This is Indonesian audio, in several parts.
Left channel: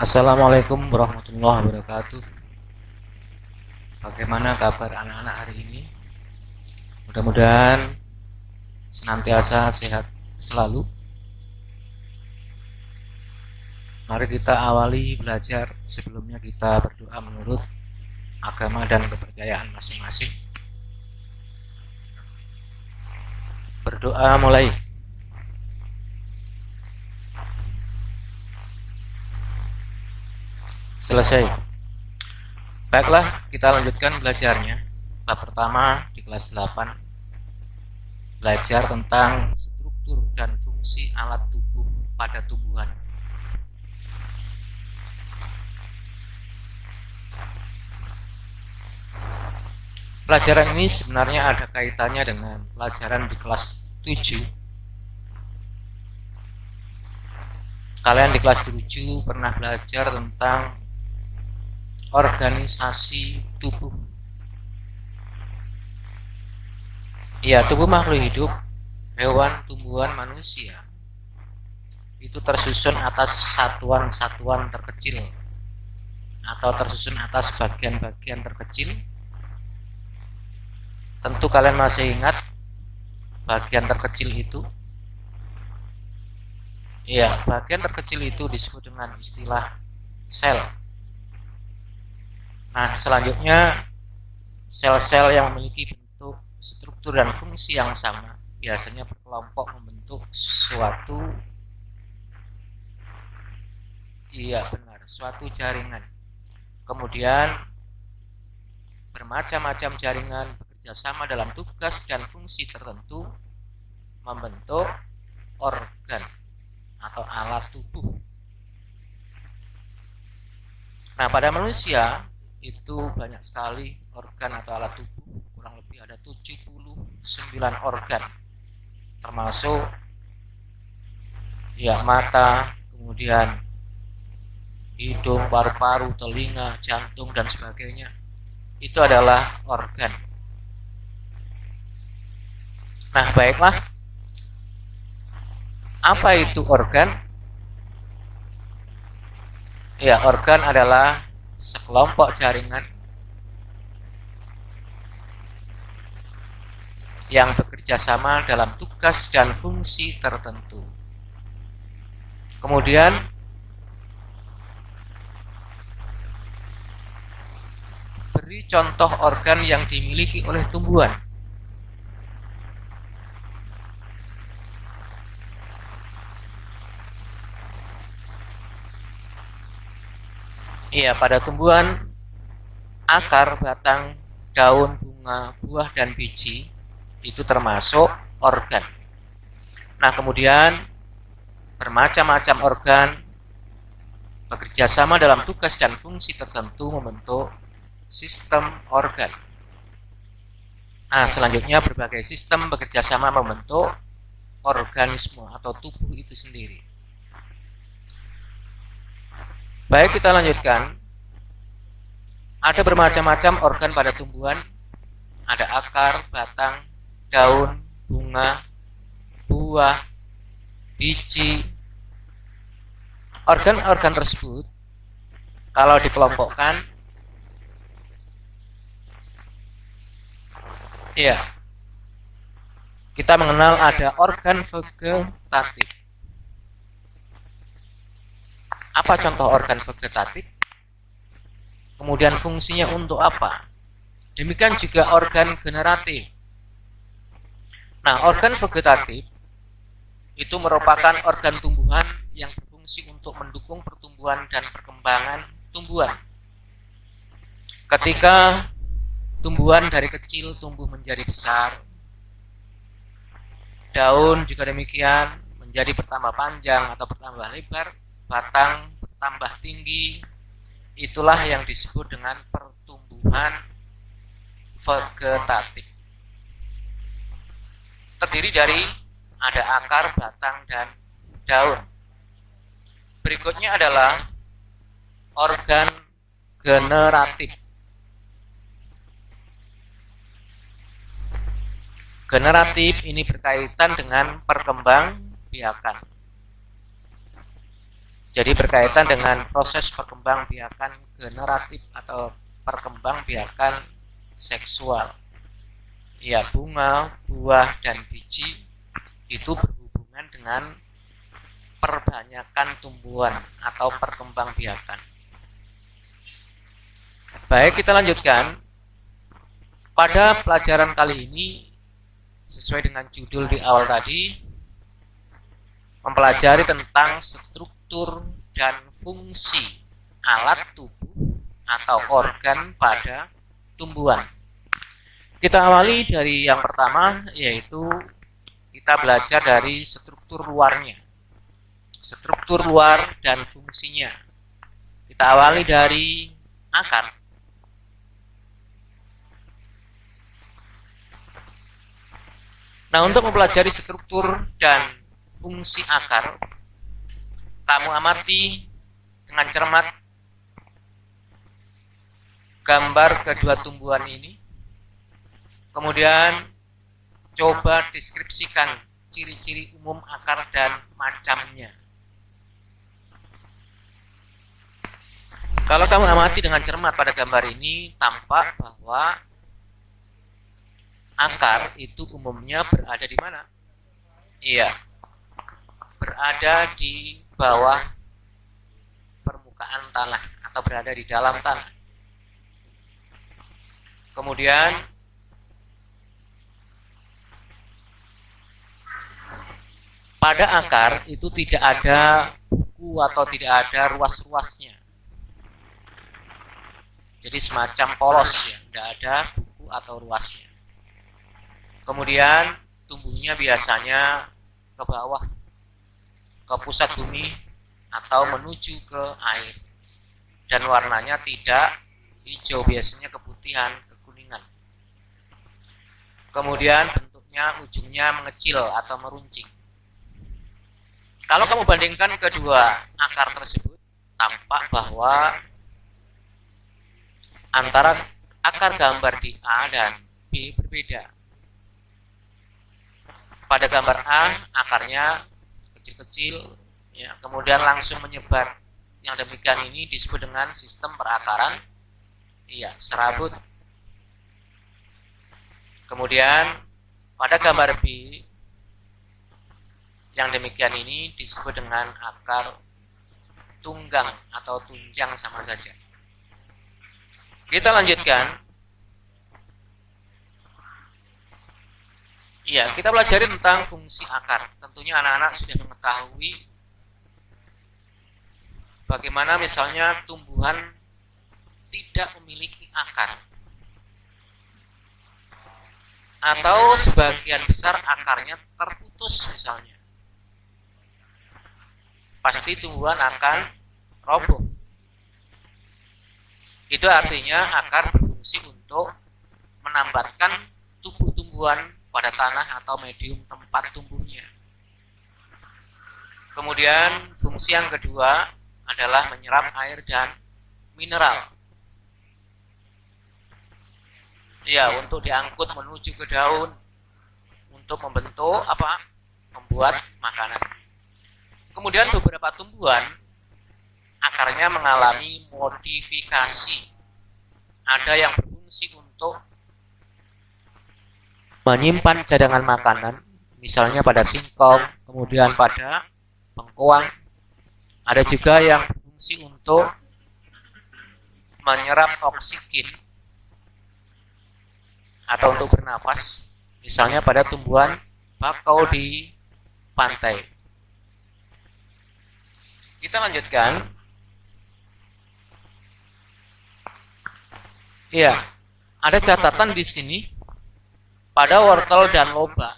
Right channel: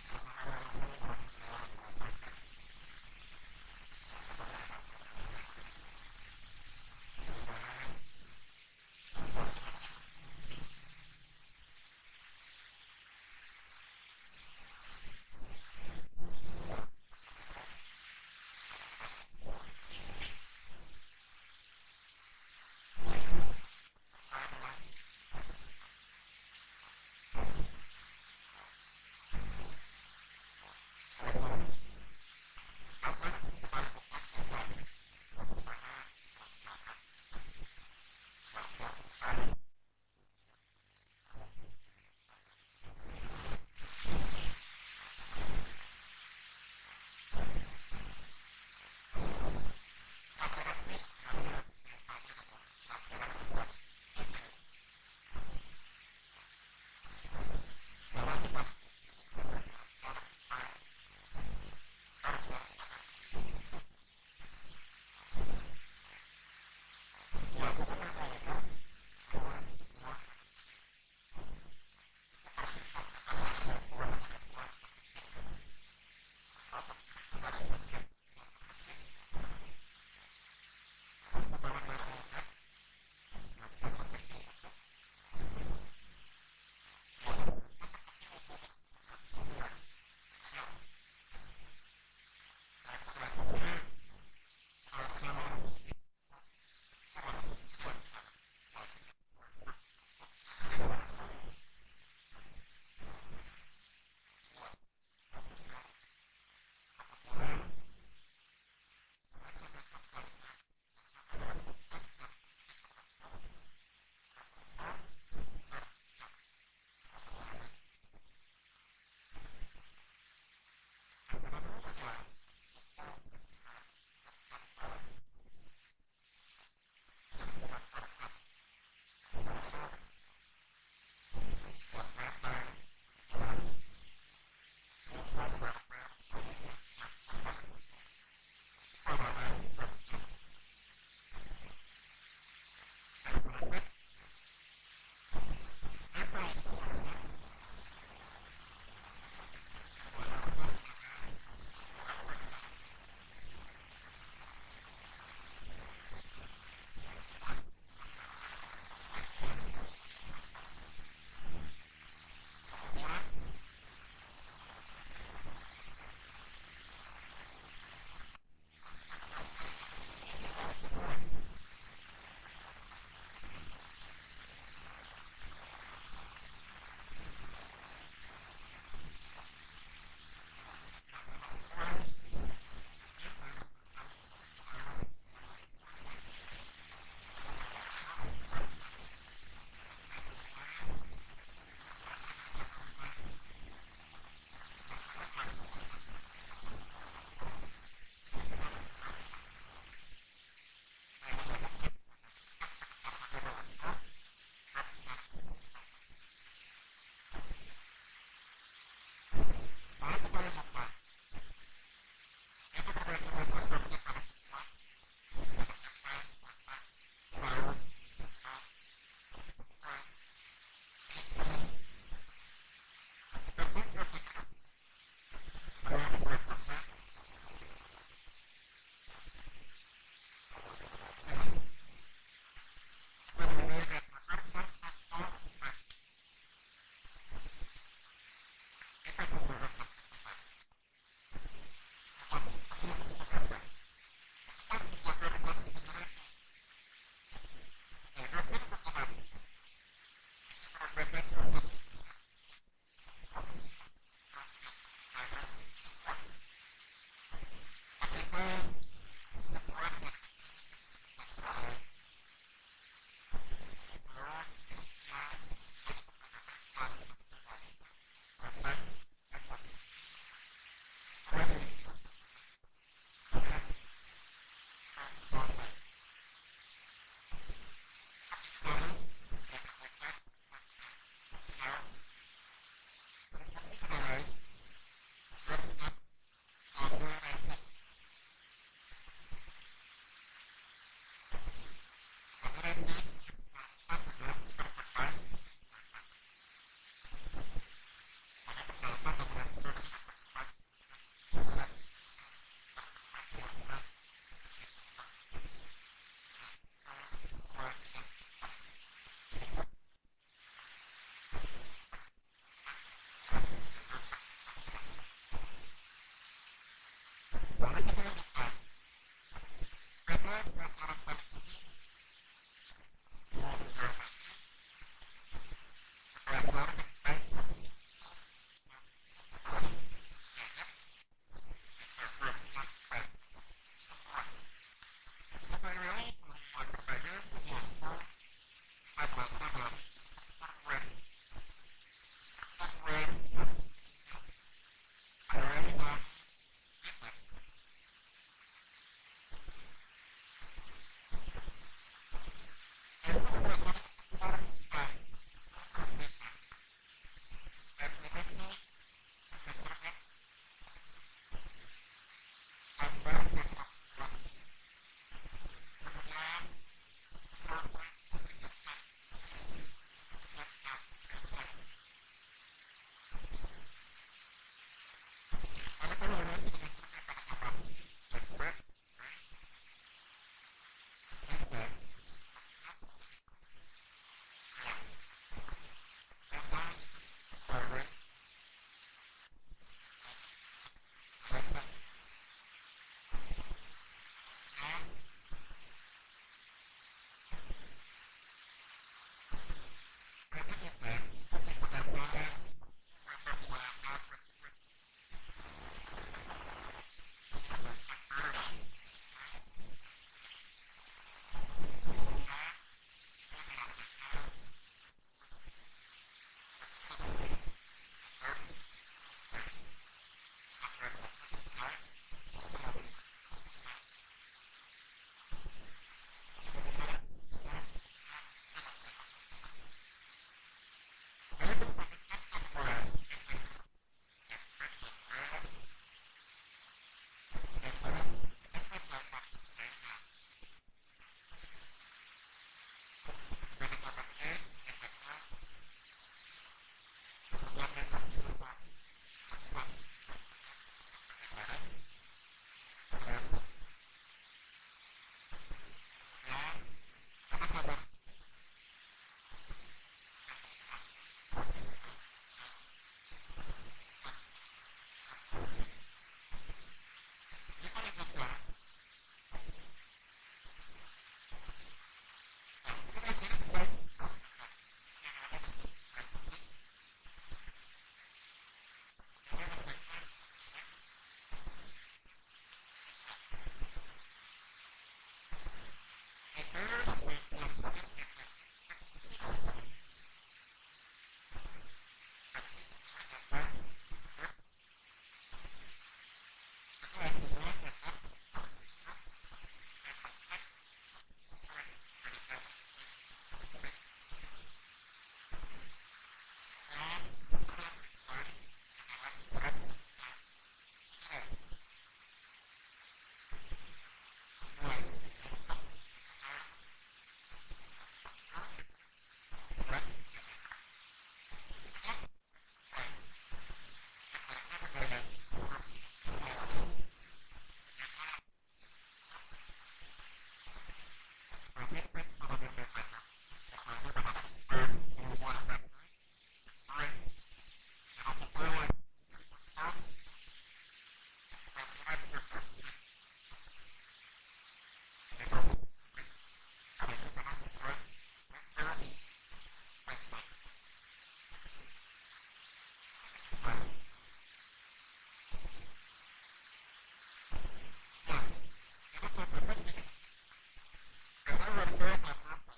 Assalamualaikum warahmatullahi wabarakatuh. Bagaimana kabar anak-anak hari ini? Mudah-mudahan senantiasa sehat selalu. Mari kita awali belajar. Sebelumnya kita berdoa menurut agama dan kepercayaan masing-masing. Berdoa mulai. Selesai. Baiklah, kita lanjutkan belajarnya. Bab pertama di kelas 8. Belajar tentang struktur dan fungsi alat tubuh pada tumbuhan. Pelajaran ini sebenarnya ada kaitannya dengan pelajaran di kelas 7. Kalian di kelas 7 pernah belajar tentang organisasi tubuh. Ya, tubuh makhluk hidup, hewan, tumbuhan, manusia itu tersusun atas satuan-satuan terkecil atau tersusun atas bagian-bagian terkecil. Tentu kalian masih ingat bagian terkecil itu. Ya, bagian terkecil itu disebut dengan istilah sel. Nah, selanjutnya sel-sel yang memiliki bentuk, struktur, dan fungsi yang sama biasanya berkelompok membentuk suatu suatu jaringan. Kemudian bermacam-macam jaringan bekerja sama dalam tugas dan fungsi tertentu membentuk organ atau alat tubuh. Nah, pada manusia itu banyak sekali organ atau alat tubuh, kurang lebih ada 79 organ, termasuk mata, kemudian hidung, paru-paru, telinga, jantung, dan sebagainya. Itu adalah organ. Nah, baiklah. Apa itu organ? Ya, organ adalah sekelompok jaringan yang bekerja sama dalam tugas dan fungsi tertentu. Kemudian beri contoh organ yang dimiliki oleh tumbuhan. Iya, pada tumbuhan, akar, batang, daun, bunga, buah, dan biji itu termasuk organ. Nah, kemudian bermacam-macam organ bekerja sama dalam tugas dan fungsi tertentu membentuk sistem organ. Nah, selanjutnya berbagai sistem bekerja sama membentuk organisme atau tubuh itu sendiri. Baik, kita lanjutkan. Ada bermacam-macam organ pada tumbuhan. Ada akar, batang, daun, bunga, buah, biji. Organ-organ tersebut kalau dikelompokkan, ya, kita mengenal ada organ vegetatif. Apa contoh organ vegetatif? Kemudian fungsinya untuk apa? Demikian juga organ generatif. Nah, organ vegetatif itu merupakan organ tumbuhan yang berfungsi untuk mendukung pertumbuhan dan perkembangan tumbuhan. Ketika tumbuhan dari kecil tumbuh menjadi besar, daun juga demikian menjadi bertambah panjang atau bertambah lebar, batang bertambah tinggi. Itulah yang disebut dengan pertumbuhan vegetatif. Terdiri dari ada akar, batang, dan daun. Berikutnya adalah organ generatif. Generatif ini berkaitan dengan perkembangbiakan. Jadi berkaitan dengan proses perkembangbiakan generatif atau perkembangbiakan seksual. Ya, bunga, buah, dan biji itu berhubungan dengan perbanyakan tumbuhan atau perkembangbiakan. Baik, kita lanjutkan. Pada pelajaran kali ini, sesuai dengan judul di awal tadi, mempelajari tentang struktur dan fungsi alat tubuh atau organ pada tumbuhan. Kita awali dari yang pertama, yaitu kita belajar dari struktur luarnya. Struktur luar dan fungsinya. Kita awali dari akar. Nah, untuk mempelajari struktur dan fungsi akar, kamu amati dengan cermat gambar kedua tumbuhan ini. Kemudian coba deskripsikan ciri-ciri umum akar dan macamnya. Kalau kamu amati dengan cermat pada gambar ini, tampak bahwa akar itu umumnya berada di mana? Iya, berada di bawah permukaan tanah atau berada di dalam tanah. Kemudian pada akar itu tidak ada buku atau tidak ada ruas-ruasnya. Jadi semacam polos ya, tidak ada buku atau ruasnya. Kemudian tumbuhnya biasanya ke bawah, ke pusat bumi atau menuju ke air. Dan warnanya tidak hijau, biasanya keputihan, kekuningan. Kemudian bentuknya ujungnya mengecil atau meruncing. Kalau kamu bandingkan kedua akar tersebut, tampak bahwa antara akar gambar di A dan B berbeda. Pada gambar A, akarnya kecil-kecil, ya, kemudian langsung menyebar. Yang demikian ini disebut dengan sistem perakaran, ya, serabut. Kemudian pada gambar B, yang demikian ini disebut dengan akar tunggang atau tunjang sama saja. Kita lanjutkan. Ya, kita pelajari tentang fungsi akar. Tentunya anak-anak sudah mengetahui bagaimana misalnya tumbuhan tidak memiliki akar. Atau sebagian besar akarnya terputus misalnya. Pasti tumbuhan akan roboh. Itu artinya akar berfungsi untuk menambatkan tumbuh-tumbuhan pada tanah atau medium tempat tumbuhnya. Kemudian fungsi yang kedua adalah menyerap air dan mineral. Ya, untuk diangkut menuju ke daun untuk membentuk apa? Membuat makanan. Kemudian beberapa tumbuhan akarnya mengalami modifikasi. Ada yang berfungsi untuk menyimpan cadangan makanan, misalnya pada singkong, kemudian pada bengkoang. Ada juga yang berfungsi untuk menyerap oksigen atau untuk bernafas, misalnya pada tumbuhan bakau di pantai. Kita lanjutkan. Iya, ada catatan di sini pada wortel dan loba.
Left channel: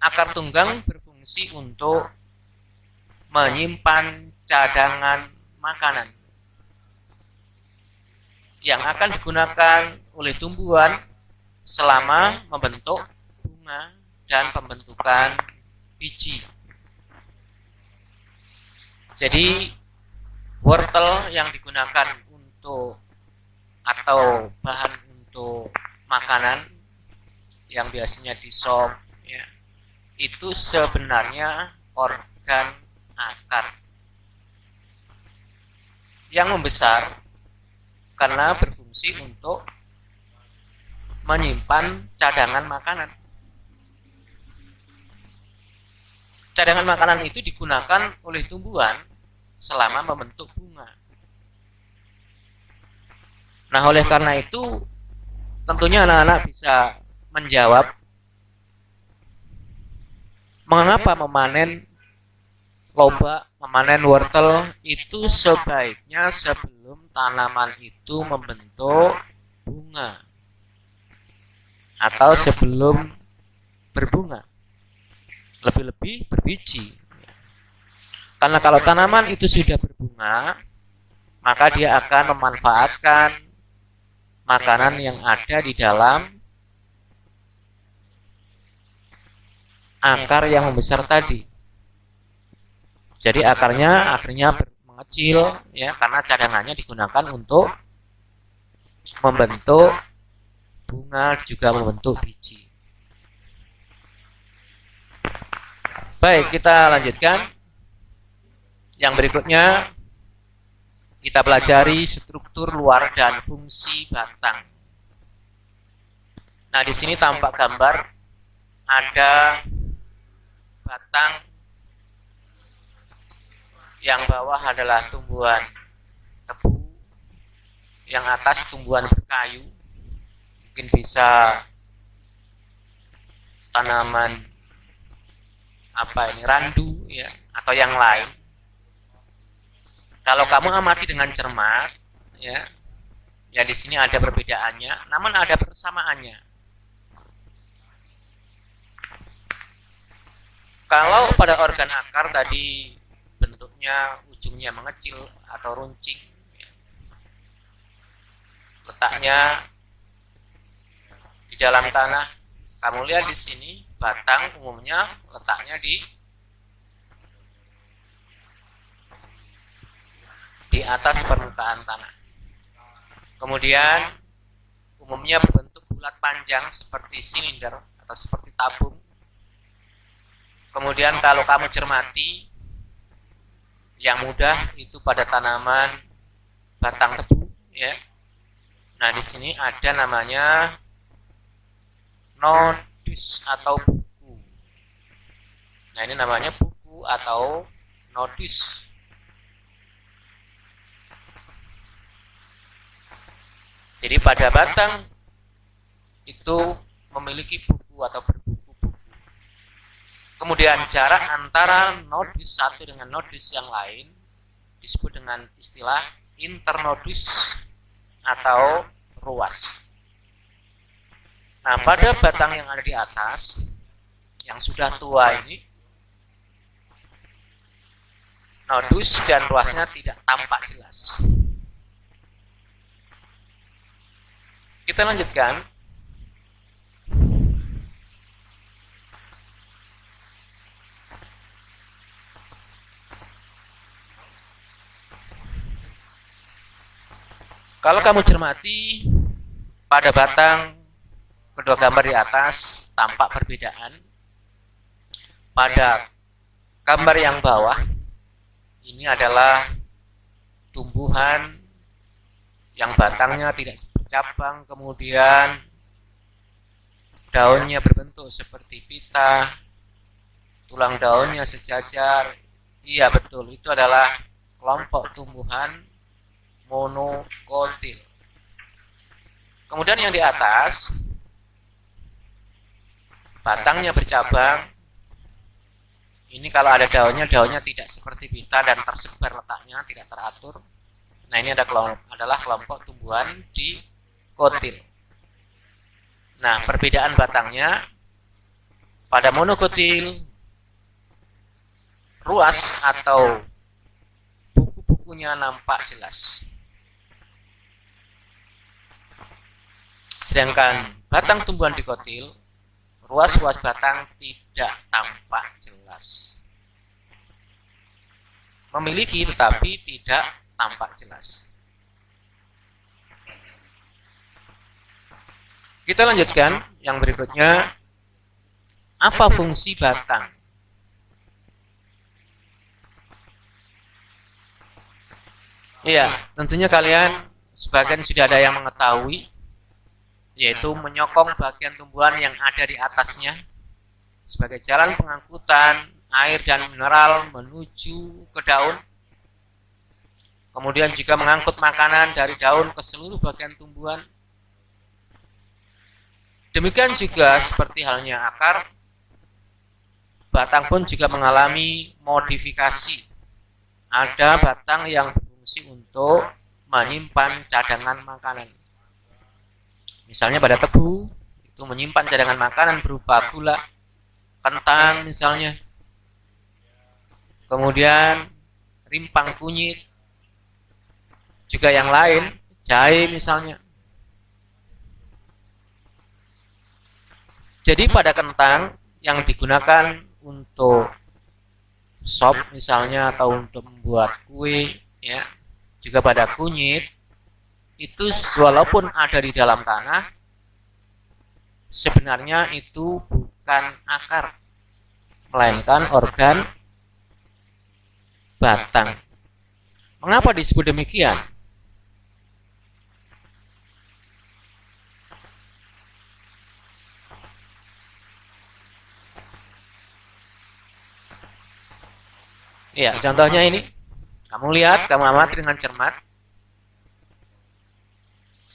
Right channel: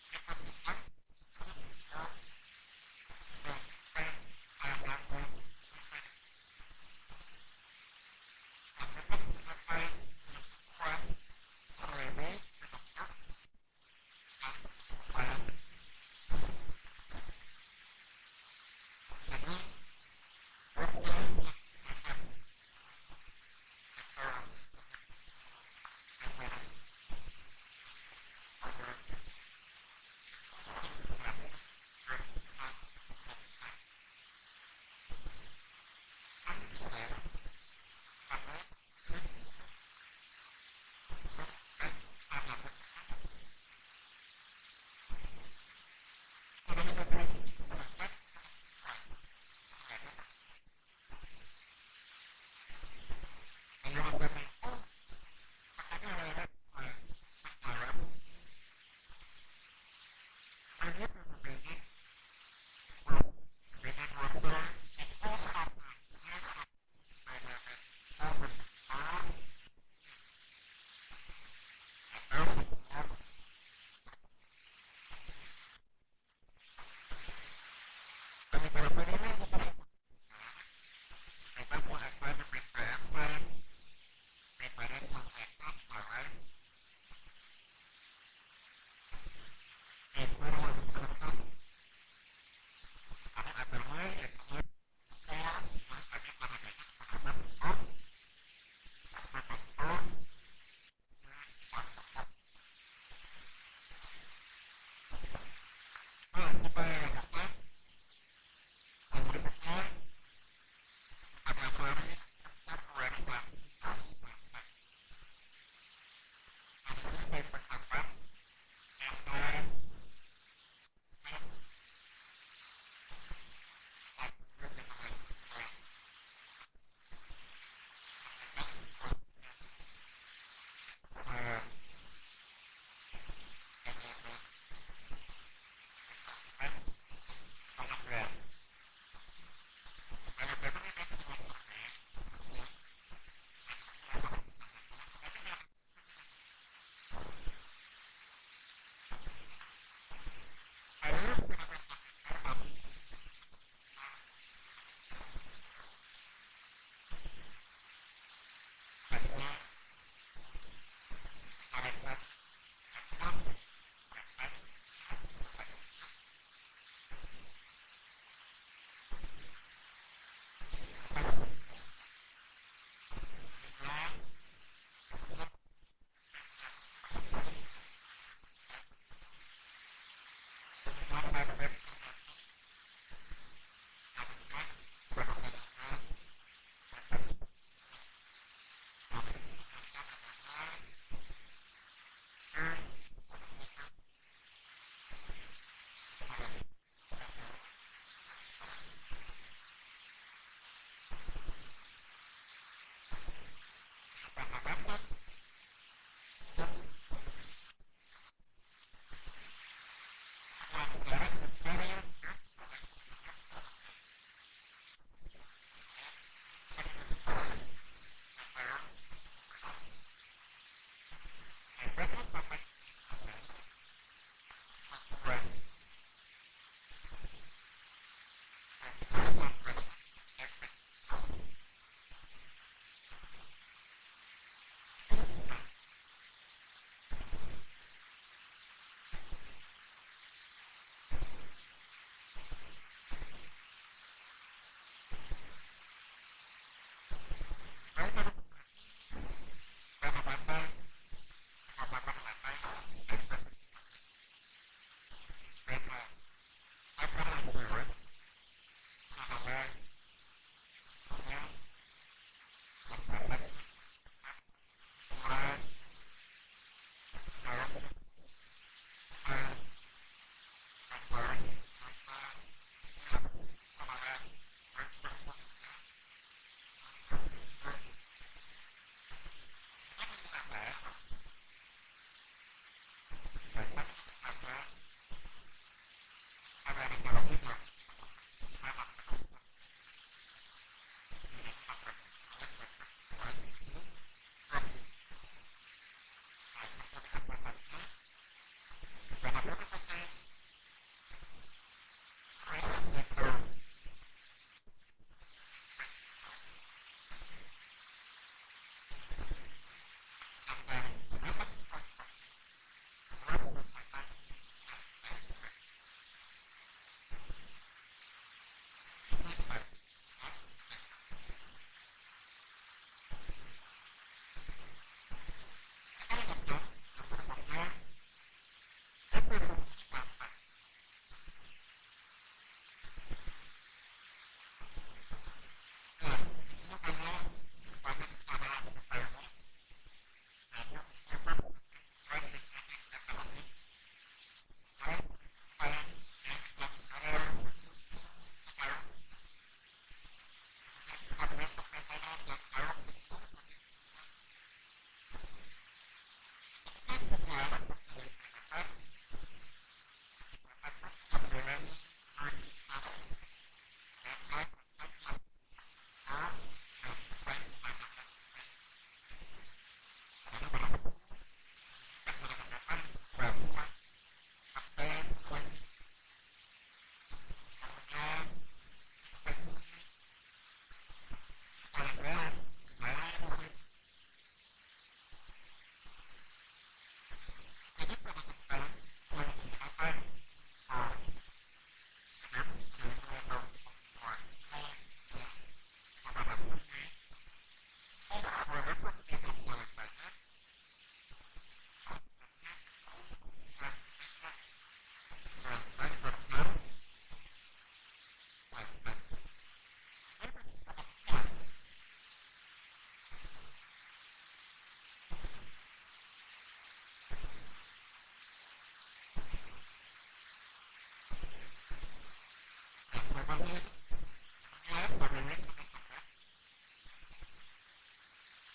Akar tunggang berfungsi untuk menyimpan cadangan makanan yang akan digunakan oleh tumbuhan selama membentuk bunga dan pembentukan biji. Jadi wortel yang digunakan untuk atau bahan untuk makanan yang biasanya di sop, ya, itu sebenarnya organ akar. yang membesar karena berfungsi untuk menyimpan cadangan makanan. Cadangan makanan itu digunakan oleh tumbuhan selama membentuk bunga. Nah, oleh karena itu tentunya anak-anak bisa menjawab mengapa memanen lobak, memanen wortel itu sebaiknya sebelum tanaman itu membentuk bunga atau sebelum berbunga, lebih-lebih berbiji. Karena kalau tanaman itu sudah berbunga, maka dia akan memanfaatkan makanan yang ada di dalam akar yang membesar tadi. Jadi akarnya akhirnya mengecil ya, karena cadangannya digunakan untuk membentuk bunga, juga membentuk biji. Baik, kita lanjutkan. Yang berikutnya kita pelajari struktur luar dan fungsi batang. Nah, di sini tampak gambar ada batang yang bawah adalah tumbuhan tebu, yang atas tumbuhan berkayu, mungkin bisa tanaman randu ya, atau yang lain. Kalau kamu amati dengan cermat, ya di sini ada perbedaannya, namun ada persamaannya. Kalau pada organ akar tadi bentuknya ujungnya mengecil atau runcing, letaknya di dalam tanah. Kamu lihat di sini batang umumnya letaknya di atas permukaan tanah. Kemudian umumnya berbentuk bulat panjang seperti silinder atau seperti tabung. Kemudian kalau kamu cermati, yang mudah itu pada tanaman batang tebu ya. Nah, di sini ada namanya nodus atau buku. Nah, ini namanya buku atau nodus. Jadi pada batang itu memiliki buku atau berbuku-buku. Kemudian jarak antara nodus satu dengan nodus yang lain disebut dengan istilah internodus atau ruas. Nah, pada batang yang ada di atas, yang sudah tua ini, nodus dan ruasnya tidak tampak jelas. Kita lanjutkan. Kalau kamu cermati pada batang kedua gambar di atas tampak perbedaan. Pada gambar yang bawah ini adalah tumbuhan yang batangnya tidak bercabang, kemudian daunnya berbentuk seperti pita, tulang daunnya sejajar. Iya betul, itu adalah kelompok tumbuhan monokotil. Kemudian yang di atas batangnya bercabang. Ini kalau ada daunnya tidak seperti pita dan tersebar letaknya, tidak teratur. Nah, ini adalah kelompok tumbuhan dikotil. Nah, perbedaan batangnya pada monokotil ruas atau buku-bukunya nampak jelas. Sedangkan batang tumbuhan dikotil, ruas-ruas batang tidak tampak jelas. Memiliki tetapi tidak tampak jelas. Kita lanjutkan yang berikutnya. Apa fungsi batang? Iya, tentunya kalian sebagian sudah ada yang mengetahui, yaitu menyokong bagian tumbuhan yang ada di atasnya sebagai jalan pengangkutan air dan mineral menuju ke daun. Kemudian juga mengangkut makanan dari daun ke seluruh bagian tumbuhan. Demikian juga seperti halnya akar, batang pun juga mengalami modifikasi. Ada batang yang berfungsi untuk menyimpan cadangan makanan. Misalnya pada tebu, itu menyimpan cadangan makanan berupa gula, kentang misalnya. Kemudian rimpang kunyit, juga yang lain, jahe misalnya. Jadi pada kentang yang digunakan untuk sop misalnya atau untuk membuat kue, ya, juga pada kunyit itu walaupun ada di dalam tanah, sebenarnya itu bukan akar, melainkan organ batang. Mengapa disebut demikian? Ya, contohnya ini. Kamu lihat, kamu amati dengan cermat.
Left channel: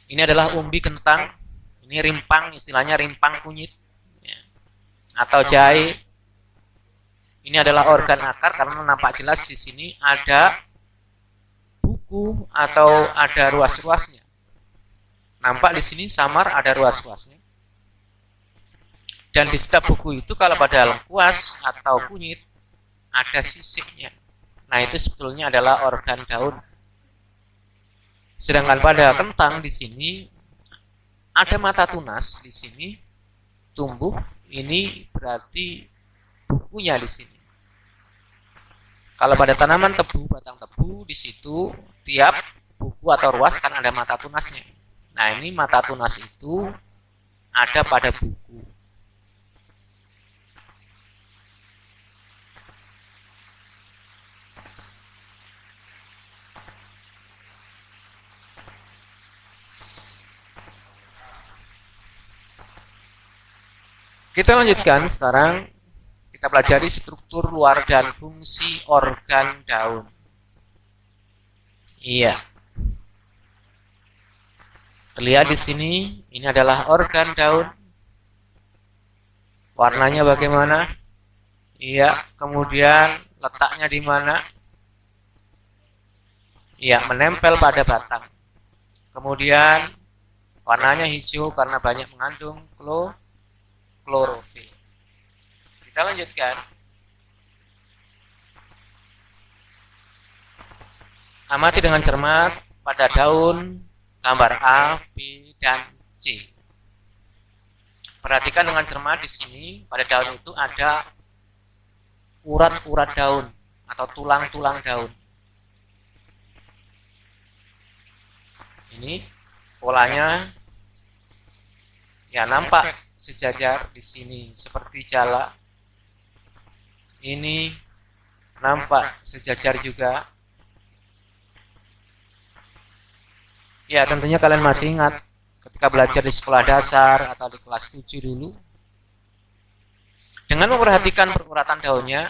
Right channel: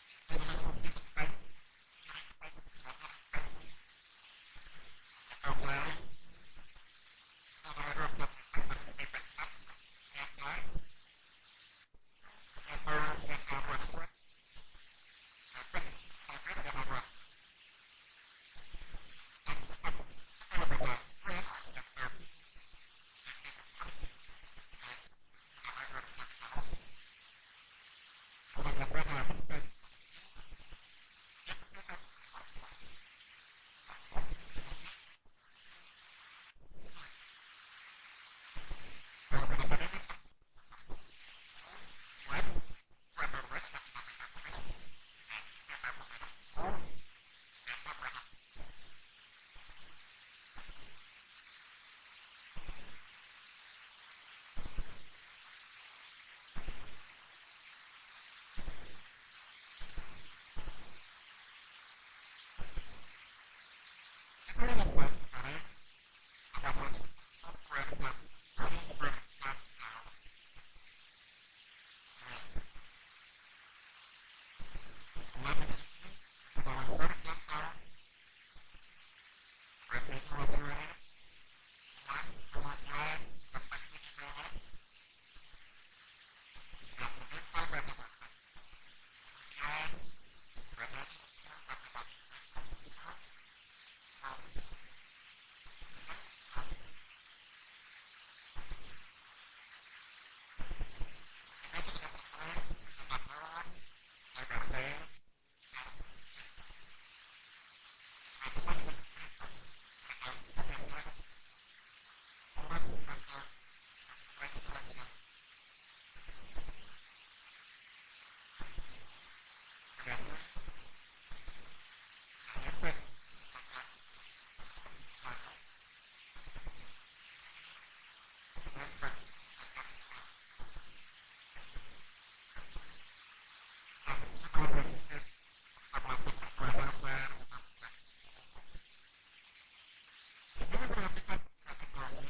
Ini adalah umbi kentang. Ini rimpang, istilahnya rimpang kunyit. Ya. Atau jahe. Ini adalah organ akar karena nampak jelas di sini ada buku atau ada ruas-ruasnya. Nampak di sini samar ada ruas-ruasnya. Dan di setiap buku itu kalau pada lengkuas atau kunyit ada sisiknya. Nah, itu sebetulnya adalah organ daun. Sedangkan pada kentang di sini ada mata tunas di sini tumbuh, ini berarti bukunya di sini. Kalau pada tanaman tebu, batang tebu di situ tiap buku atau ruas kan ada mata tunasnya. Nah, ini mata tunas itu ada pada buku. Kita lanjutkan sekarang, kita pelajari struktur luar dan fungsi organ daun. Iya. Terlihat di sini, ini adalah organ daun. Warnanya bagaimana? Iya, kemudian letaknya di mana? Iya, menempel pada batang. Kemudian warnanya hijau karena banyak mengandung klorofil. Kita lanjutkan. Amati dengan cermat pada daun gambar A, B, dan C. Perhatikan dengan cermat di sini pada daun itu ada urat-urat daun atau tulang-tulang daun. Ini polanya ya nampak sejajar di sini seperti jala. Ini nampak sejajar juga. Ya, tentunya kalian masih ingat ketika belajar di sekolah dasar atau di kelas 7 dulu. Dengan memperhatikan peruratan daunnya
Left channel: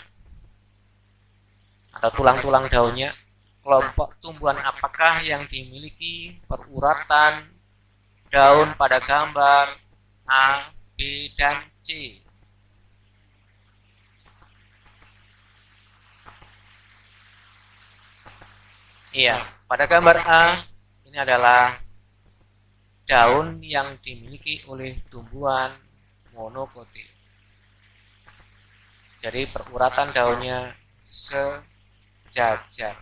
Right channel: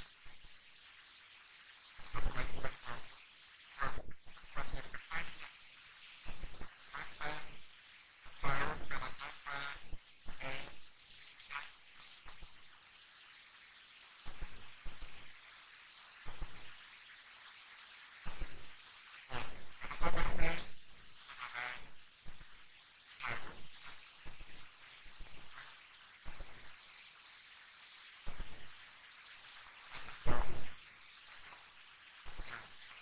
atau tulang-tulang daunnya, kelompok tumbuhan apakah yang dimiliki peruratan daun pada gambar A, B, dan C? Iya, pada gambar A ini adalah daun yang dimiliki oleh tumbuhan monokotil. Jadi peruratan daunnya sejajar.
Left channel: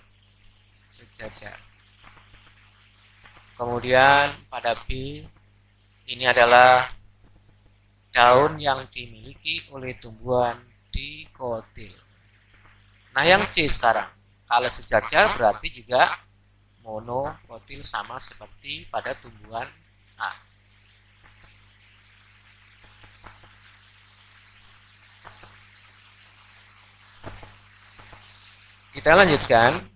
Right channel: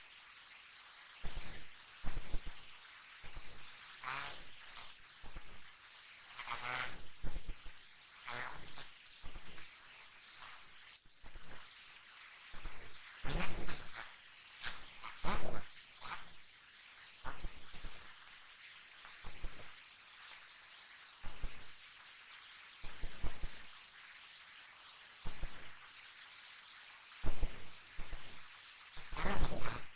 Kemudian pada B ini adalah daun yang dimiliki oleh tumbuhan dikotil. Nah, yang C sekarang, kalau sejajar berarti juga monokotil sama seperti pada tumbuhan A. Kita lanjutkan.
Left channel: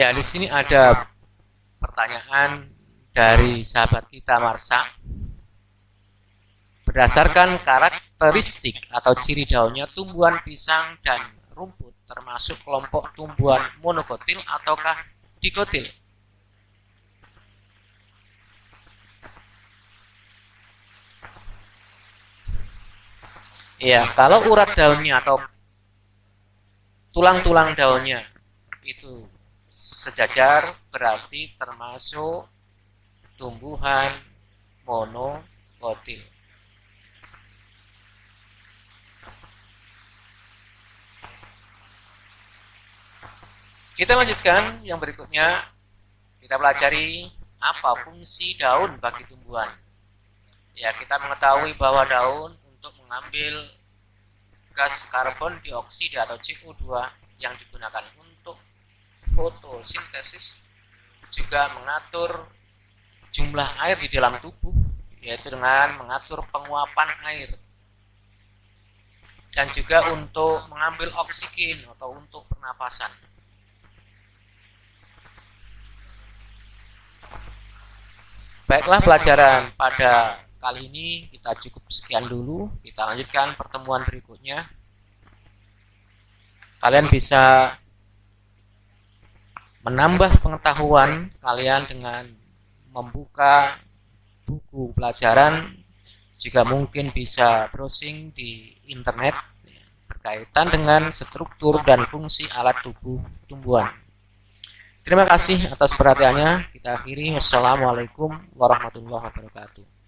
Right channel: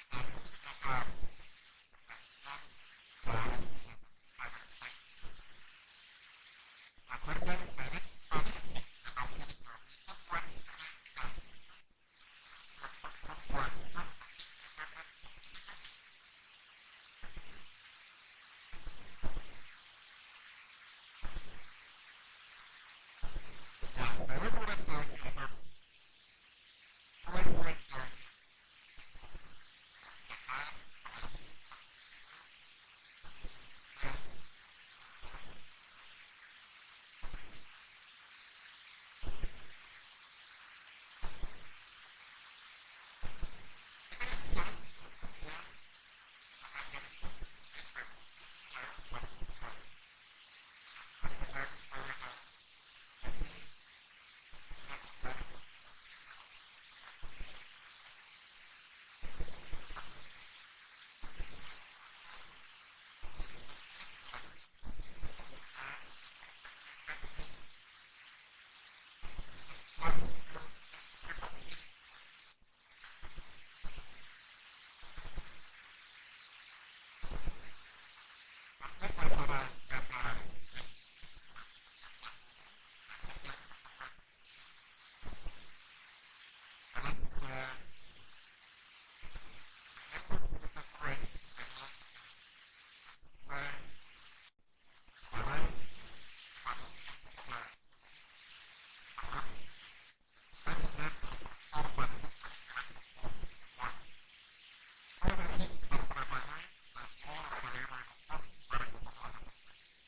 Ya, di sini ada pertanyaan dari sahabat kita Marsha. Berdasarkan karakteristik atau ciri daunnya, tumbuhan pisang dan rumput termasuk kelompok tumbuhan monokotil ataukah dikotil? Ya, kalau urat daunnya atau tulang-tulang daunnya itu sejajar berarti termasuk tumbuhan monokotil. Kita lanjutkan yang berikutnya. Kita pelajari apa fungsi daun bagi tumbuhan. Ya, kita mengetahui bahwa daun untuk mengambil gas karbon dioksida atau CO2 yang digunakan untuk fotosintesis, juga mengatur jumlah air di dalam tubuh, yaitu dengan mengatur penguapan air, dan juga untuk mengambil oksigen atau untuk pernapasan. Baiklah, pelajaran pada kali ini kita cukup sekian dulu. Kita lanjutkan pertemuan berikutnya. Kalian bisa menambah pengetahuan kalian dengan membuka buku pelajaran, juga mungkin bisa browsing di internet berkaitan dengan struktur dan fungsi alat tubuh tumbuhan. Terima kasih atas perhatiannya. Kita akhiri. Wassalamualaikum warahmatullahi wabarakatuh.